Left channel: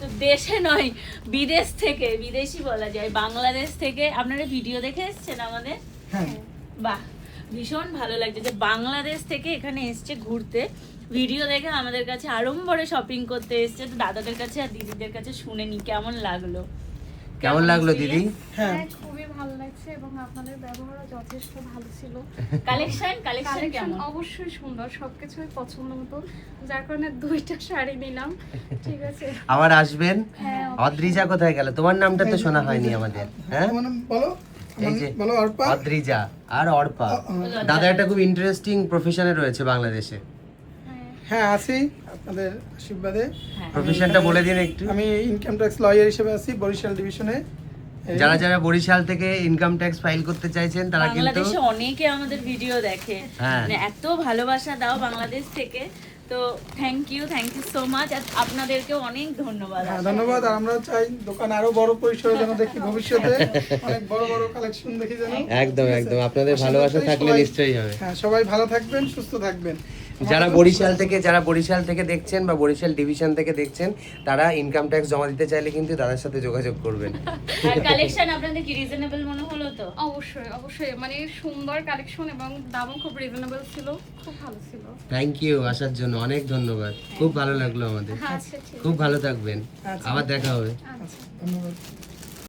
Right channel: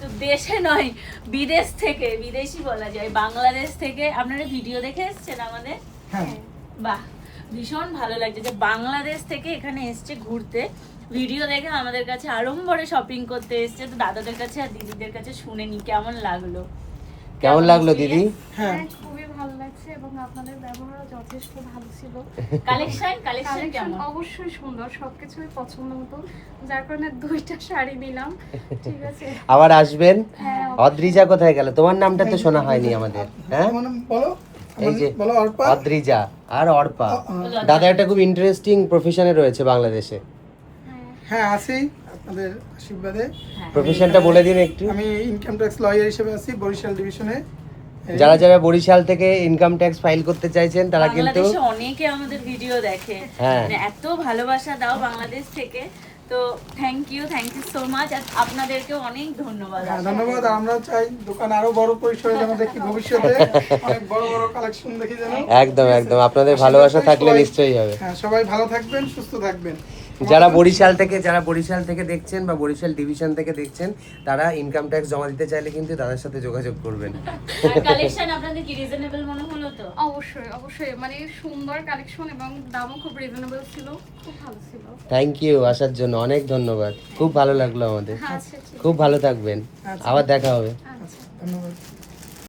তো দেশে নয়, বিদেশ থেকে, বিদেশি বলা যায়, বাংলাদেশ থেকে আপনারা ভিডিও দেখে এসেছেন আমাদের। হ্যাঁ বাহ, ভীষণ ভালো লাগছে যে বাংলাদেশ থেকে এখানে এসছে ঘুরতে, ভিডিও দেখে আমাদের কাছে আড়ম্বরে শপিং করতে এসছে। তো দাদাদের কাছে আর দিদিদের কাছে শুনে নি কেমন লাগলো। কেমন লাগলো দিদি? হ্যাঁ হ্যাঁ খুবই ভালো লাগছে এবং আপনাদের ব্যবহারও যথেষ্ট ভালো ছিল। কালেকশন কালেকশন কেমন? অবশ্যই সুন্দর, সবকিছুই পছন্দ মতো, যার কারণে 2টা শাড়ি নিলাম। ঠিক আছে, আবার আসবেন। হ্যাঁ অদ্রিজা কোথায় গেল? তোমার নামটা তো শোনা হয়নি আমাদের। হ্যাঁ, তোমার নাম বলো। এই যে বলো অর্পা। অদ্রিজা আর অর্পা। দাদা একটা খুব ইন্টারেস্টিং প্রফেশনে রয়েছে বাংলাদেশে। হ্যাঁ আছি আপনাদের আশীর্বাদে। হ্যাঁ। প্রফেশনটা বলে দিন একটু। আমি ইনকাম ট্যাক্স লয়ার হিসেবে আছি বরিশাল ডিভিশনে। যারা যারা বরিশাল থেকে ইনকাম ট্যাক্স ফাইল করতে চাইছেন তারা কিন্তু বাংলাদেশে অনেকে আমাদের ভিডিও দেখে, হ্যাঁ। মানে এত ভালোবাসা দাও বাংলাদেশ থেকে। তো থ্যাংক ইউ সো মাচ। আপনাদেরকেও অনেক ধন্যবাদ। হ্যাঁ ধন্যবাদ। আর আমরাও চাই দোকান আরো বড় পরিসরে যেন দেখি ভবিষ্যতে, অনেক বড় বড় কালেকশন দেখি যেন। একদম একদম আপনাদের ভালোবাসা থাকলে সবাই- নিশ্চয়ই হবে। হ্যাঁ সবাই ভালো থাকবেন, সুস্থ থাকবেন। যারা বরিশাল থেকে দেখছেন বা বরিশাল ডিভিশন থেকে দেখছেন, তারা ইনকাম ট্যাক্স জমা দিতে চাইলে কিন্তু দাদার সাথে যোগাযোগ করবেন। কালেকশন আপনাদের কি রিজনেবল মনে হলো তো? অবশ্যই অবশ্যই, মানে সুন্দর কালেকশন এবং দামও খুব রিজনেবল ছিল, খুব ভালো ছিল। থ্যাংক ইউ আসার জন্য, অনেক ধন্যবাদ। খুব ভালো লাগলো আমাদের। আচ্ছা ঠিক খুব ভালো থাকবেন, আচ্ছা। আবার দেখা হবে। আছে। ধন্যবাদ।